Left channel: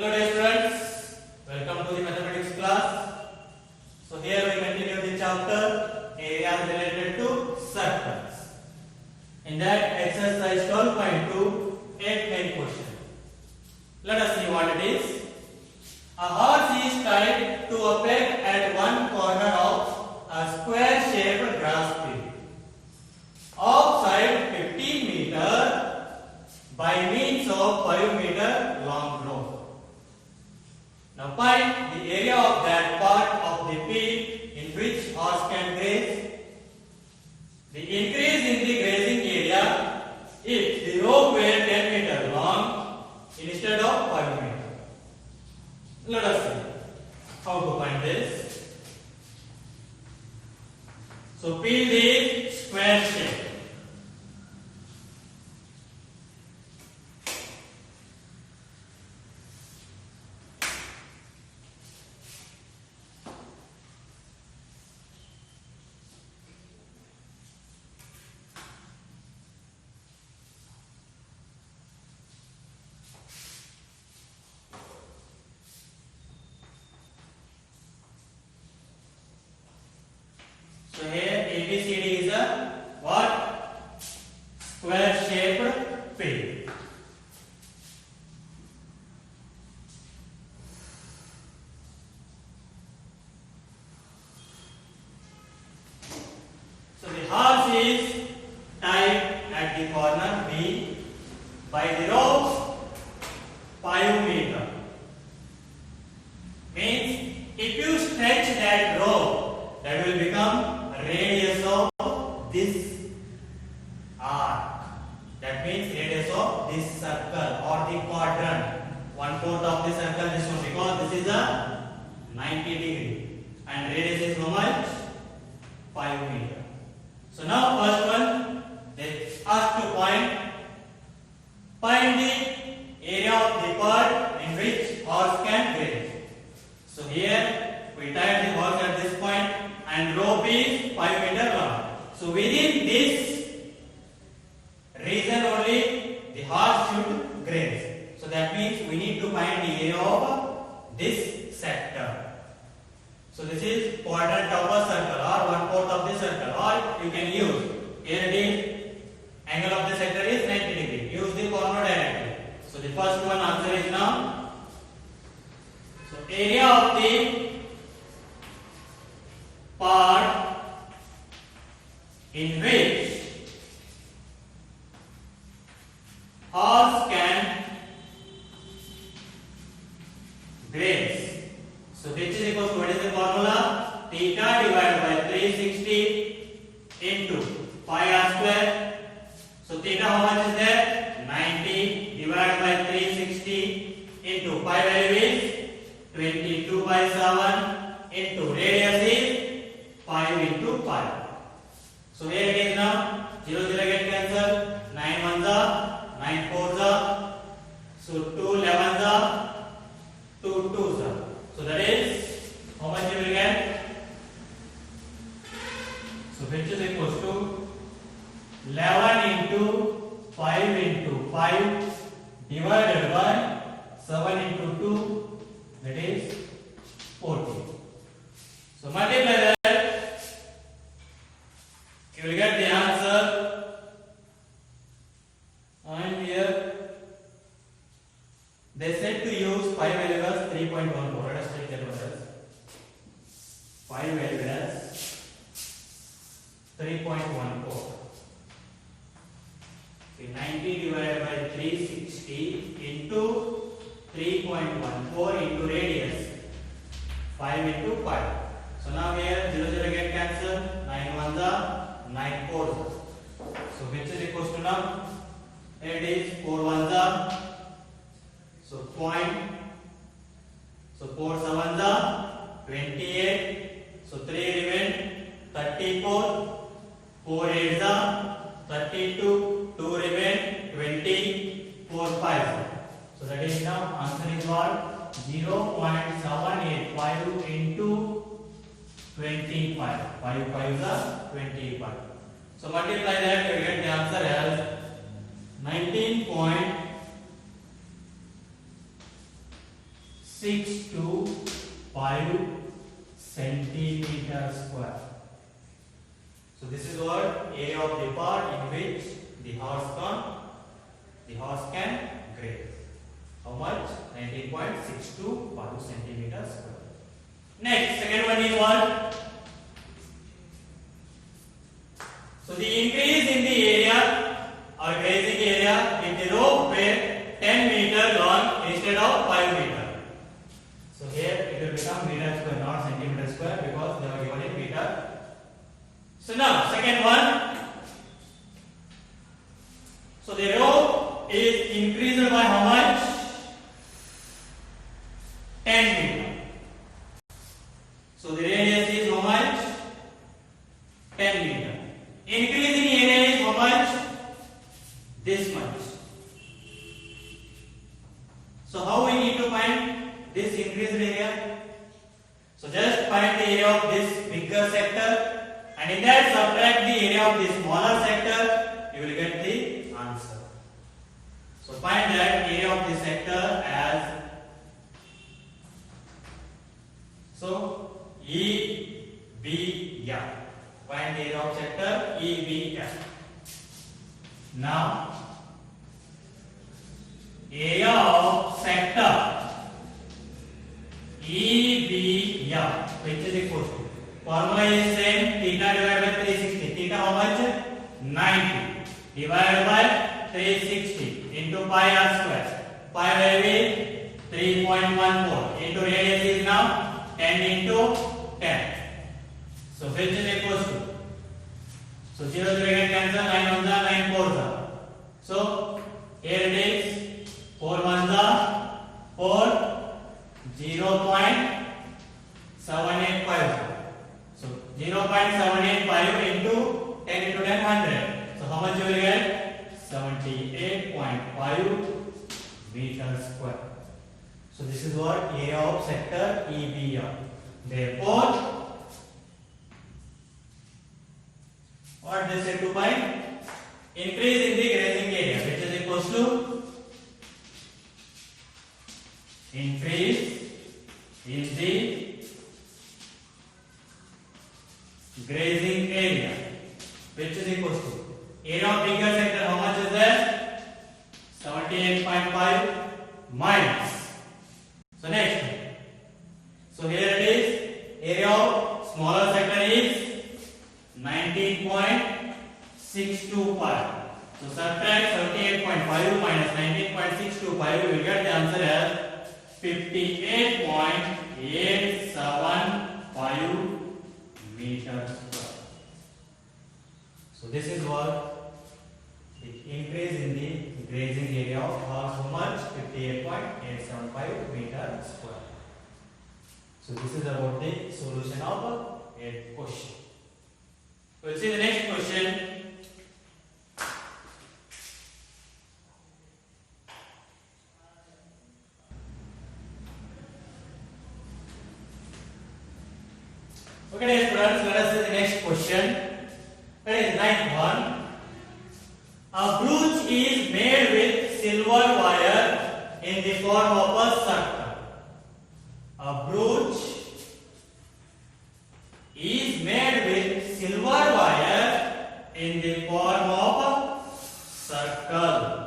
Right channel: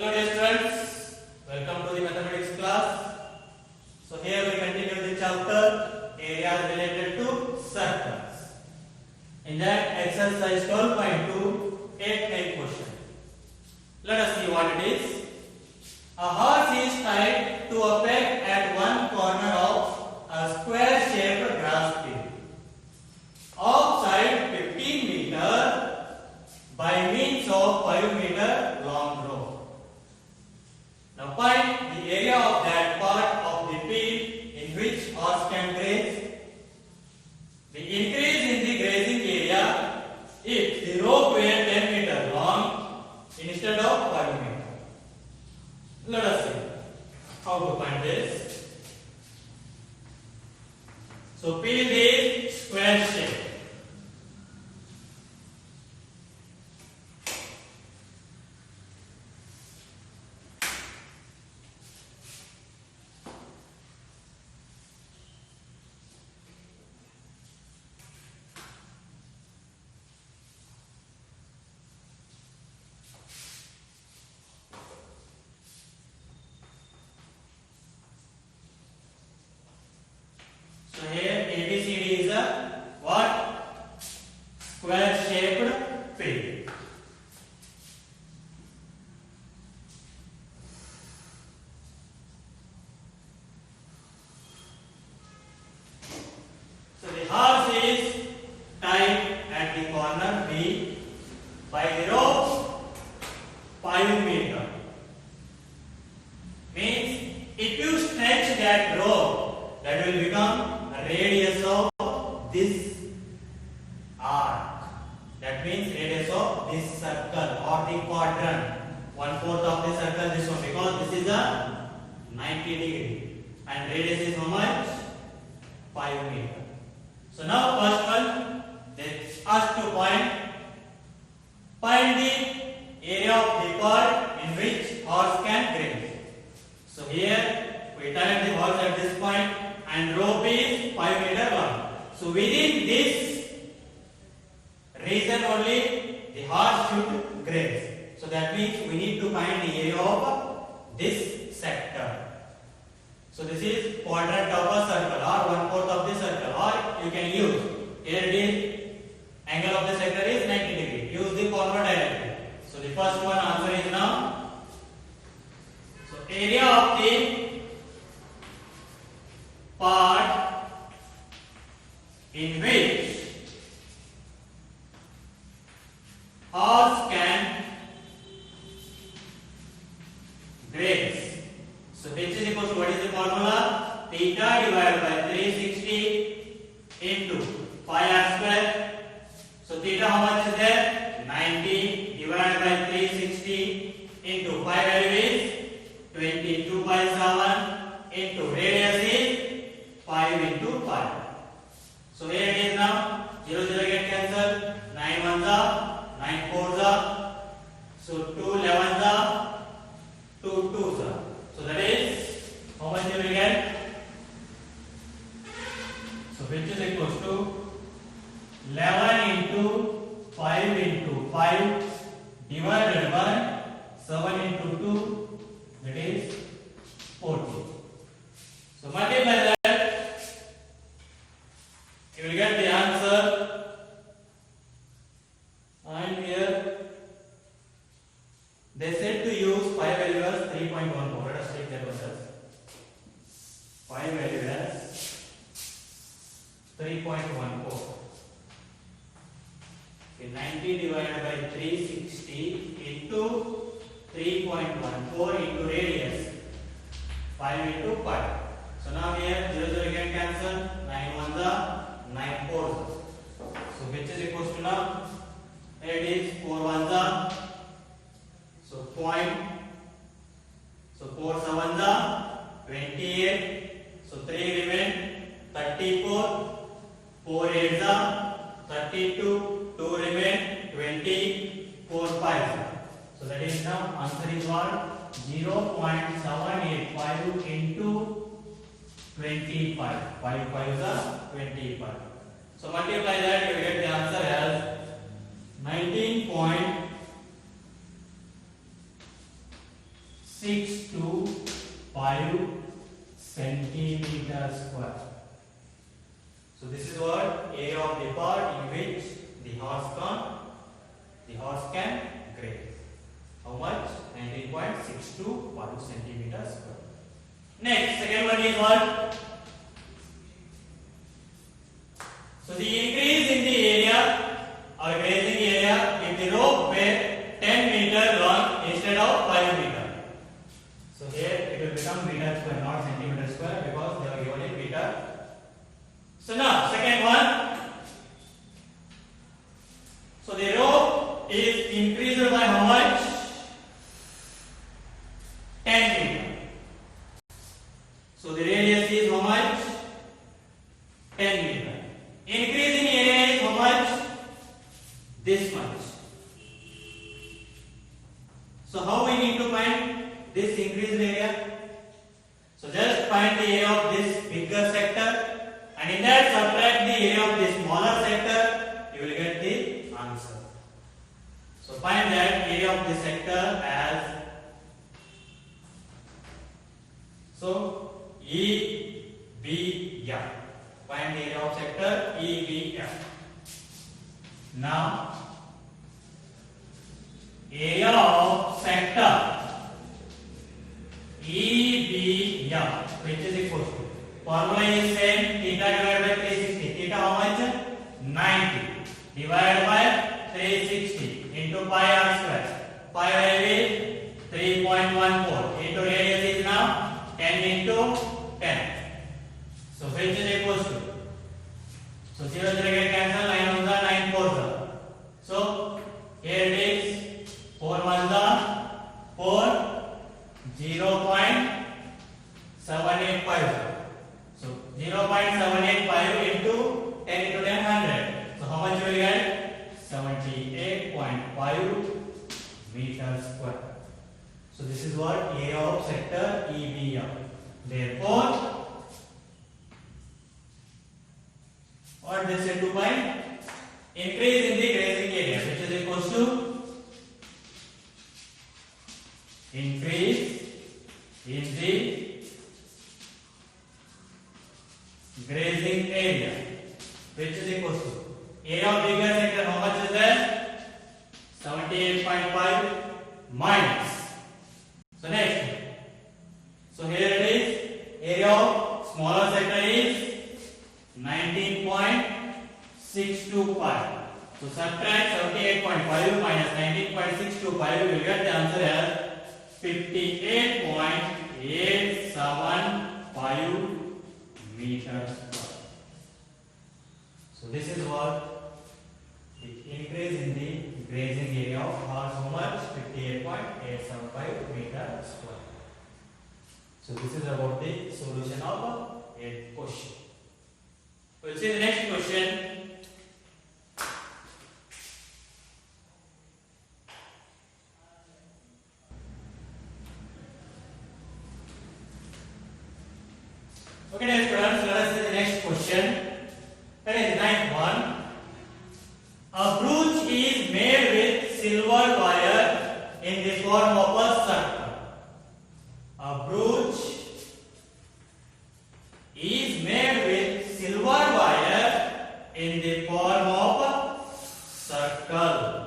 Hello dear students, welcome to the mathematics class. So here we continue the chapter areas related to circles. In that exercise 12.2, 8 main question. Let us see what it is. A horse is tied to a peg at one corner of a square shaped grass field. Outside 15 meter by means of 5 meter long rope. Now find the area of that part of the field in which horse can graze. The increase in the grazing area if the rope were 10 meter long instead of 5 meter. Let us see how to find this. So field is square shape. So here ABCD is a what? Square shaped field. So the horse is tied at the corner B by the rope 5 meter. Means if you stretch that rope, that will become radius of this arc. That means radius of this circle or the quadrant. 1/4 of the circle, this one, because this is a 90 degree and radius is how much? 5 meter. So now first one, they ask to find the area of the part in which horse can graze. So here we tie the horse at this point and rope is 5 meter long. So within this region only the horse should graze. So that means we need to find the area of this sector. So this is quadrant of a circle or 1/4 of the circle, or you can use here the angle of the sector is 90 degree. Use the corner directly. So the first one answer is now. So area of the part in which horse can graze. So which is equal to, what is the formula? Theta divided by 360 into pi r square. So theta how much is there? 90 divided by 360 into pi value is 22/7 into radius is 5 into 5. So here it is now 0 0 get cancelled. 9 1s are 9 4s are. So 2 11s are 2 2s are. So that is how much you will get? So which is equals to 11 into 5 into 5 divided by 7 into 2, that is 40. So multiply that, you will get the answer. And here they said to use pi value as 3.14. Let us take that one as pi value as 3.14. 90 divided by 360 into 3.14 into radius 5 into 5. So now here 0 0 get cancelled. 9 1s are 9 4s. So which is equals to now? Here it is 4 1s are. So point. So 4 7s are 28. So 3 remain 34. 4 8s are 32. 2 remain 20. 4 5s. So that is now answer is what? 0.785 into 25. 5 5s are 25. So multiply that, you will get the answer as 19.5 5 centimeter square. So this is what area of the part in which the horse can graze. How much? 19.625 centimeter square. Next, second one is what? So the increase in the area or grazing area if the rope were 10 meter long instead of 5 meter. So here it will become meter square, not centimeter square, because they are given in meter. So now second one. So the rope is increased by how much? 10 meter. So the radius is how much? 10 meter. Increase in area is how much? This much. So how we need to find this increased area? So just find the area of this bigger sector, and in that subtract the area of this smaller sector, you will get the answer. So find that area of the sector as EBF. Find the area of sector EBF. Now area of sector EBF, which is equal to, formula is same, theta divided by 360. Theta how much? 90 divided by 360 into pi r square. Pi value is 3.14 into radius is now 10 into 10. So which is equal to, so 0 get cancel, 9 1 9 4. So here it is 4 1 4, 0.785. So 0.785 into 10 into 10, 100. So how much you will get? 78.5 meters square. So this is what area of sector EBF. Therefore, what they said to find? Increase in the grazing area, which is equal to increase in the grazing area, which is equal to area of bigger sector. How much is there? 78.5 minus. So next, so here it is, area of smaller sector is 19.625. So subtract 78.5 minus 19.625, you will get the answer as 58.875 meters square. So this is what the increase in the grazing area of horse, how much? 58.875 meters square. So this is about the solution of a question. We'll see the next question. Okay, dear students, let us see the next question. That is the ninth one. A brooch is made with silver wire in the form of a circle. A brooch is made with silver wire in the form of a circle.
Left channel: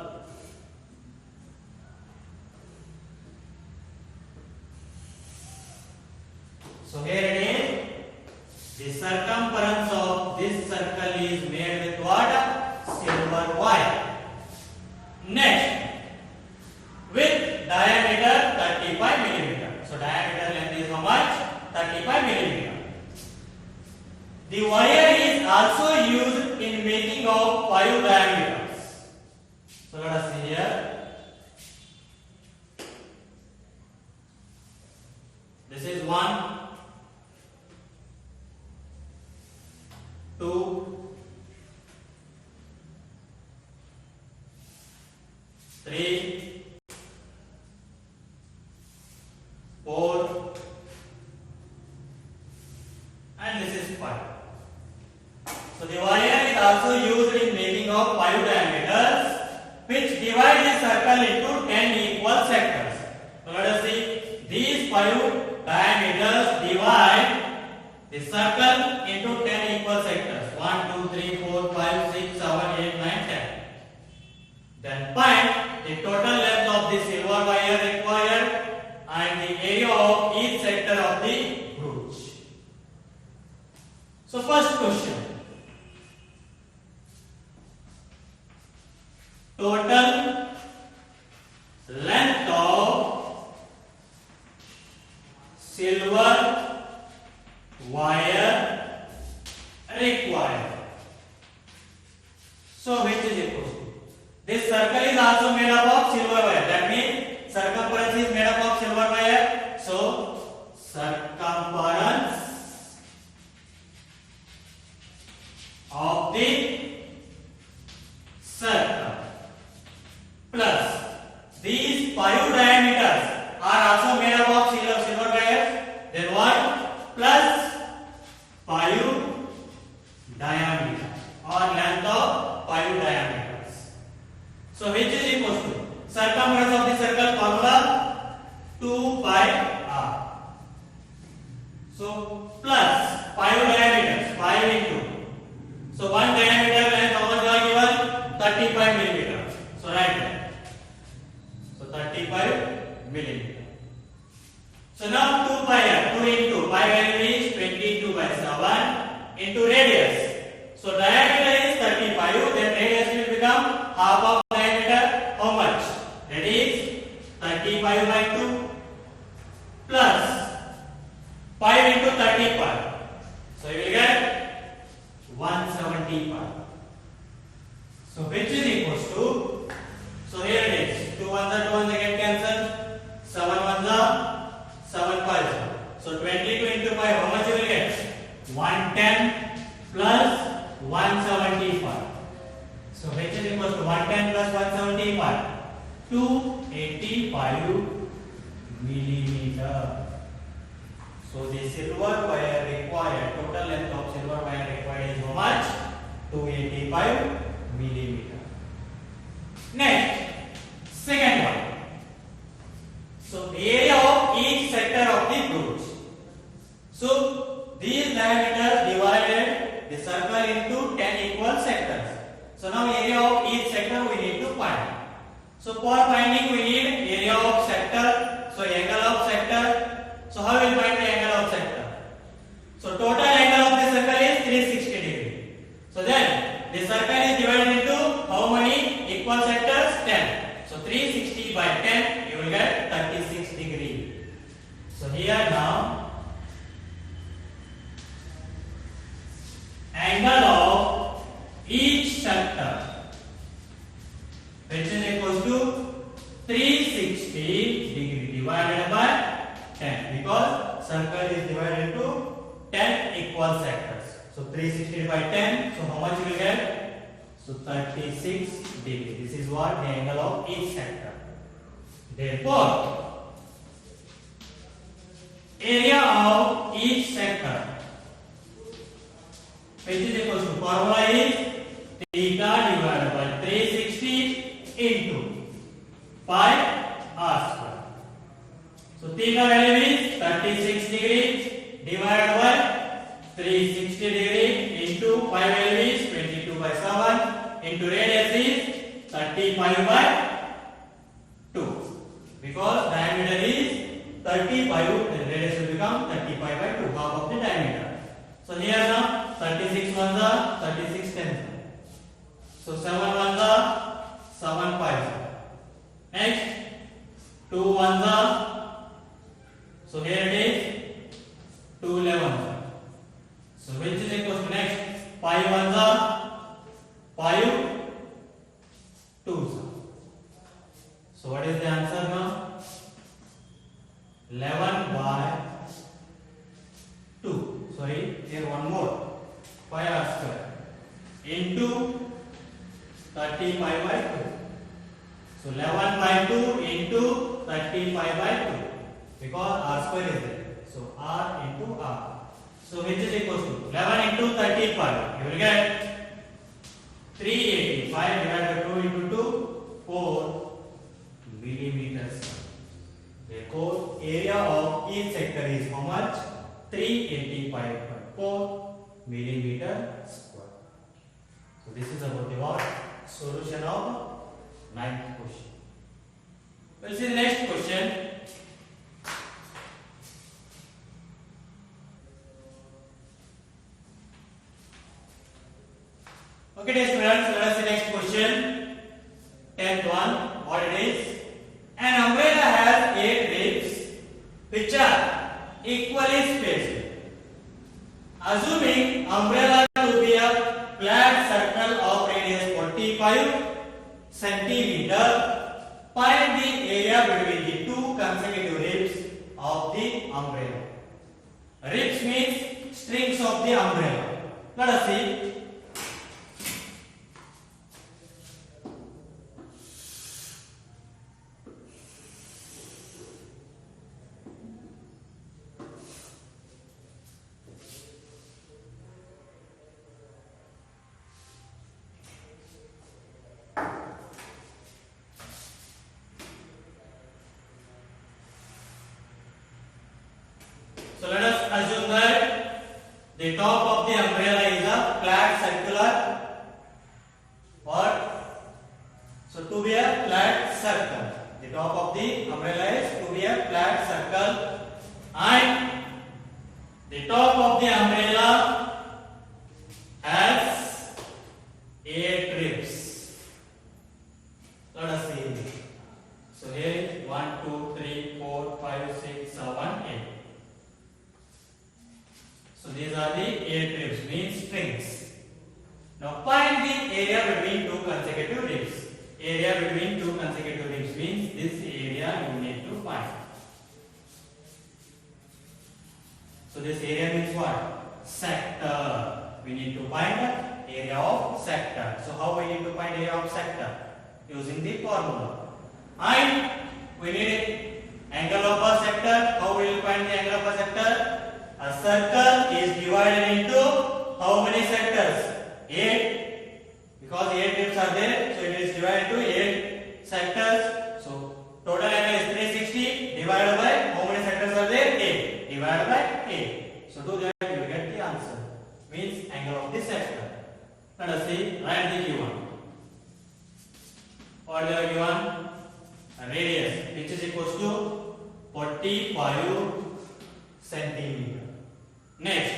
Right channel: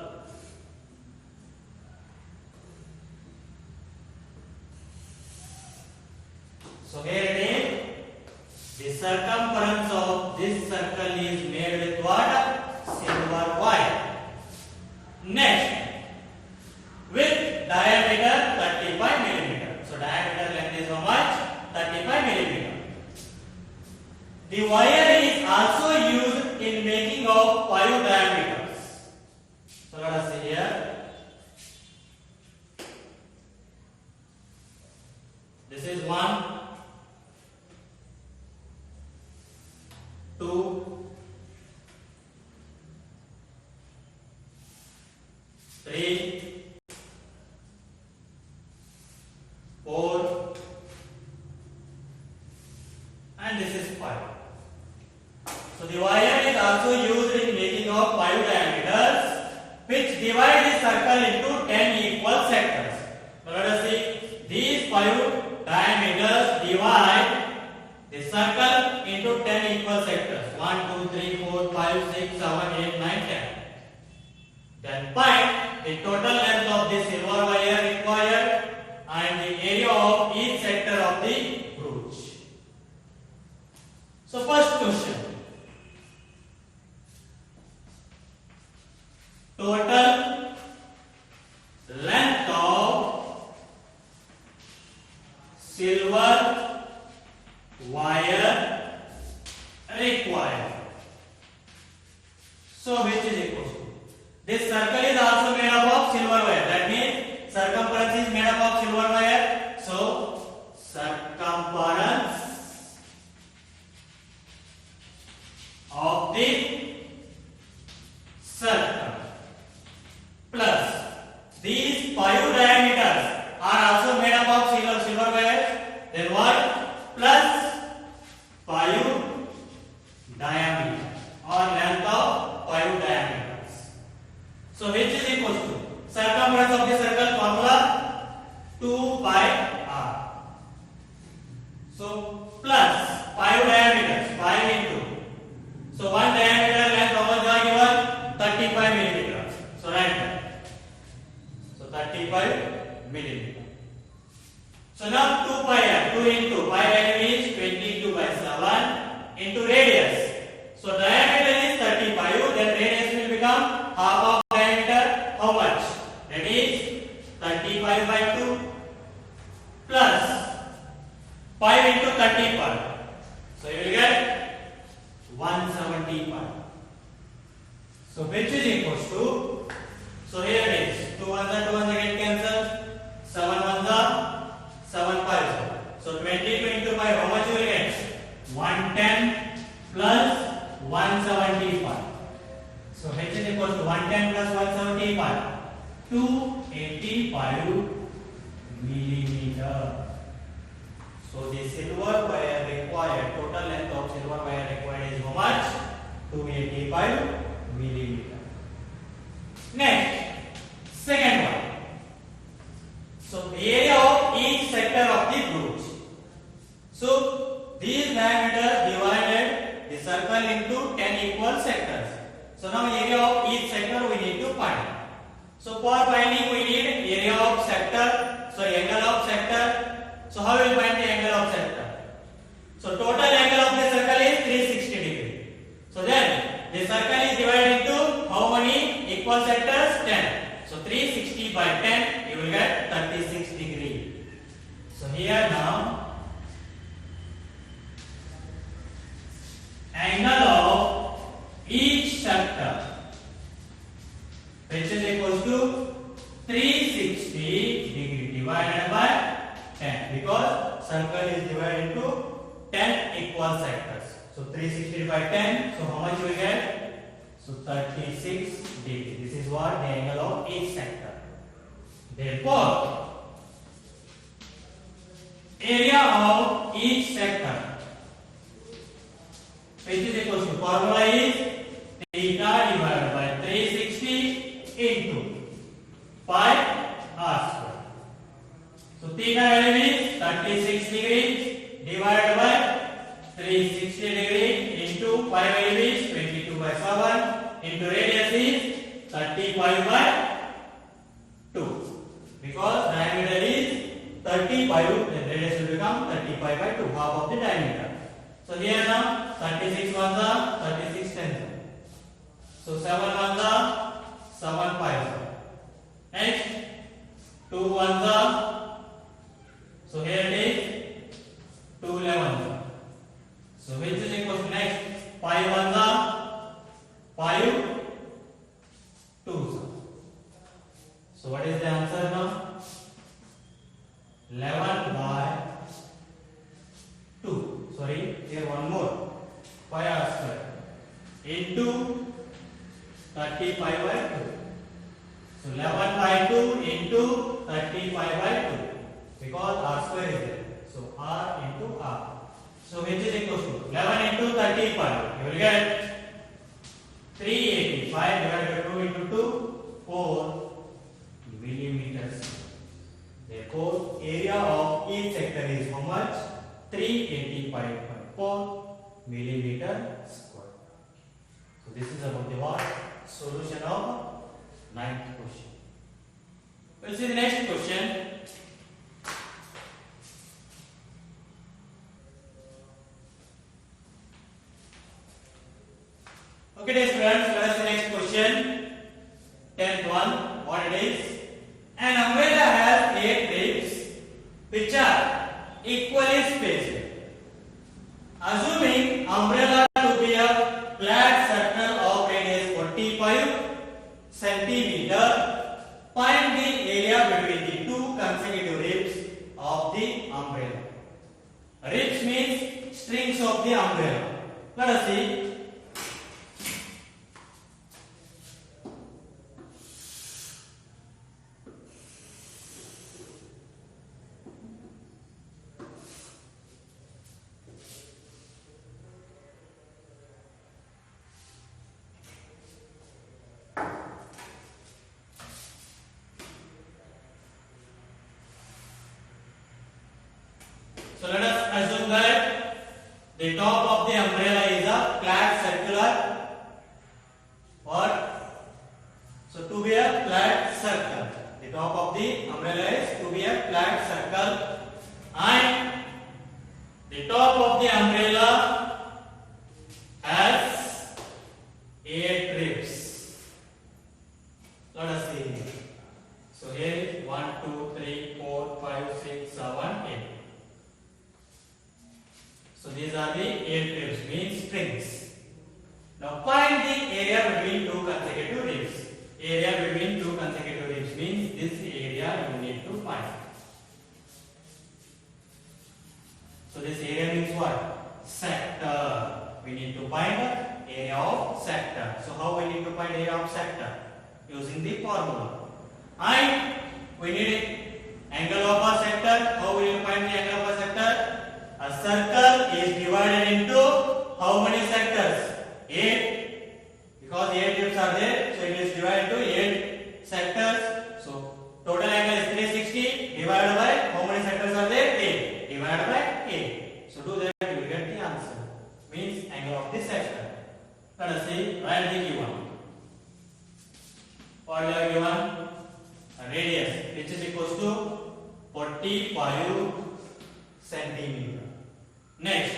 So here it is. The circumference of this circle is made with what? Silver wire. Next, with diameter 35 millimeter. So diameter length is how much? 35 millimeter. The wire is also used in making of 5 diameters. So let us see here. This is 1, 2, 3, 4, and this is 5. So the wire is also used in making of 5 diameters, which divide the circle into 10 equal sectors. So let us see, these 5 diameters divide the circle into 10 equal sectors. 1, 2, 3, 4, 5, 6, 7, 8, 9, 10. Then find the total length of the silver wire required and the area of each sector of the brooch. So first question. Total length of silver wire required. So which is equal to? This circle is also made up of silver wire. That means circumference is made up of silver wire. So circumference of the circle plus these 5 diameters are also made up of silver wires. Then what? Plus 5 diameter or length of 5 diameters. So which is equal to circumference of the circle formula 2 pi r. So plus 5 diameters 5 into. So one diameter length how much are given? 35 millimeters. So write that. So 35 millimeter. So now 2 pi r, 2 into pi value is 22 by 7 into radius. So diameter is 35, then radius will become half of diameter. How much? That is 35 by 2 plus 5 into 35. So you will get 175. So which is equals to, so here it is, 2 ones are 2 ones again cancel, 7 ones are 7 5. So 22 into 5, how much you will get? 110 plus 175. So which is equals to 110 plus 175? 285 millimeter. So the silver wire required, total length of silver wire required is how much? 285 millimeter. Next, second one. So the area of each sector of the brooch. So these diameters divided the circle into 10 equal sectors. So now area of each sector we need to find. So for finding we need area of sector. So angle of sector. So how will find the angle of sector? So total angle of the circle is 360 degree. So then the circle is divided into how many equal sectors? 10. So 360 by 10 you will get 36 degree. So here now angle of each sector which is equals to 360 degree divided by 10 because circle is divided into 10 equal sectors. So 360 by 10. So how much you will get? So 36 degree. This is what the angle of each sector. Therefore, area of each sector which is equal to formula is theta divided by 360 into 5 r square. So theta value is 36 degrees divided by 360 degree into pi value is 22 by 7 into radius is 35 by 2. Because diameter is 35, then radius will become 35 by 2, half of the diameter. So here now 36 ones are 36 tens are. So 7 ones are 7 5s are. Next 2 ones are. So here it is 2 11s are. So which is equal to next 5 ones are 5 2s are. So what is the answer now? 11 by 2. Sorry, here one more. 5 r square into 35 by 2. So 11 by 2 into 35 by 2. Because r square is there. So r into r. So which is equal to 11 into 35. You will get 385 divided by 2 into 2, 4 millimeters. Therefore Therefore, area of each sector is how much? 385.4 millimeter square. So this is about the what? Solution of ninth question. We'll see the next question. Okay, dear students, let us see next question. 10th one, what it is? An umbrella has 8 ribs which are equally spaced. Assuming umbrella to be a flat circle of radius 45 centimeter, find the area between the two consecutive ribs of the umbrella. Ribs means strings of the umbrella. Let us see. So let us assume that the top of the umbrella is a flat circular what? So to be a flat circle. The top of the umbrella is to be a flat circle and the top of the umbrella has 8 ribs. Let us see. So here 1, 2, 3, 4, 5, 6, 7, 8. So these are the 8 ribs, means strings. Now find the area between two consecutive ribs. Area between two consecutive ribs means this area you need to find. So this area means what? Sector. We need to find the area of sector. So how we need to find area of sector? Using the formula. And we need angle of a sector. How we will find the angle of a sector? A circle is divided into how many sectors? 8. Because 8 ribs are there, so it is divided into 8 sectors. So total angle is 360 divided by how many sectors are there? 8. Divided by 8. So do that, you will get the answer. Means angle of the sector. Let us see, write the given. What is the given? A radius which is equals to 45 centimeter. Next,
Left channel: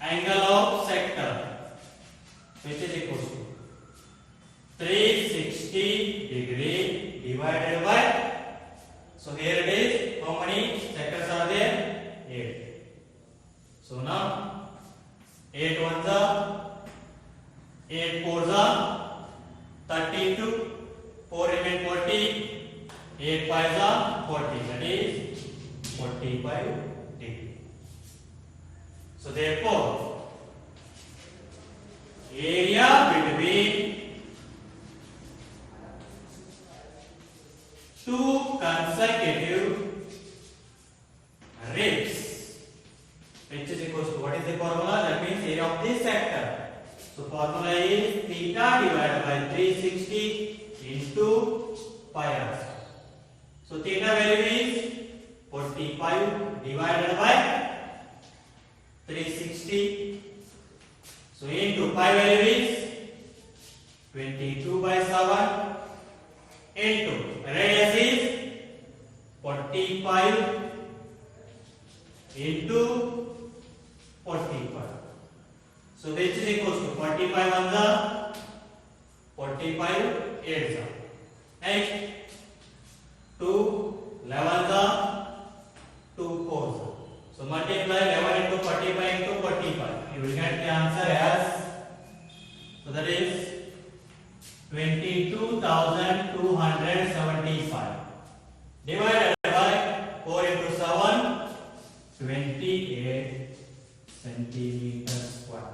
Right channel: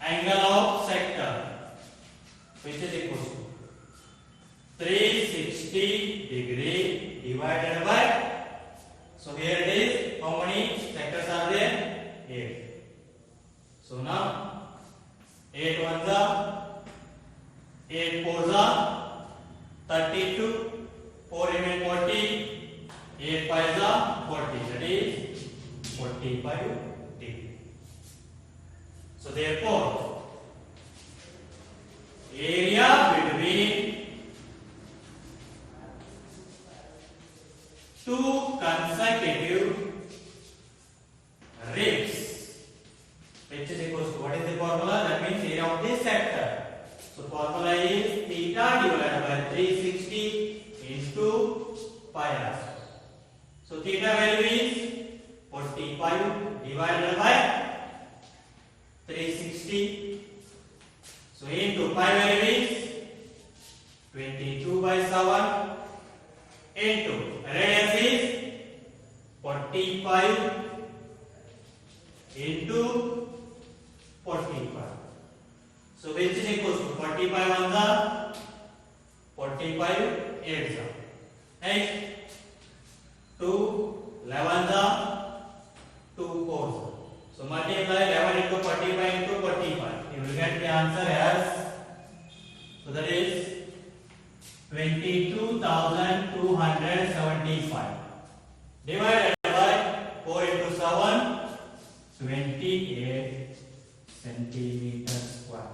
angle of sector which is equals to 360 degree divided by, so here it is, how many sectors are there? 8. So now 8 ones are 8 fours are 32, 4 remain 40, 8 fives are 40, that is 45 degree. So therefore, area between two consecutive ribs which is equals to, what is the formula? That means area of this sector. So formula is theta divided by 360 into pi r. So theta value is 45 divided by 360. So into pi value is 22 by 7 into radius is 45 into 45. So which is equals to 45 ones are 45 eights are. Next 2 11s are 2 4s. So multiply 11 into 45 into 45. You will get the answer as, so that is 22,275 divided by 4 into 7, 28 centimeters square.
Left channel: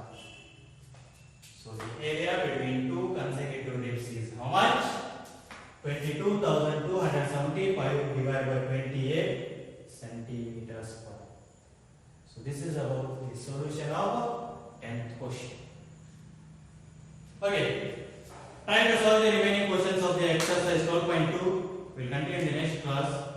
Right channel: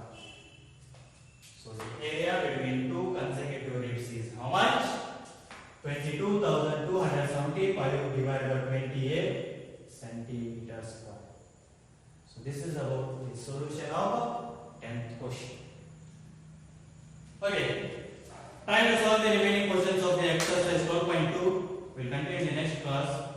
So the area between two consecutive ribs is how much? 22,275 divided by 28 centimeters square. So this is about the solution of 10th question. Okay, try to solve the remaining questions of the exercise 12.2. We'll plus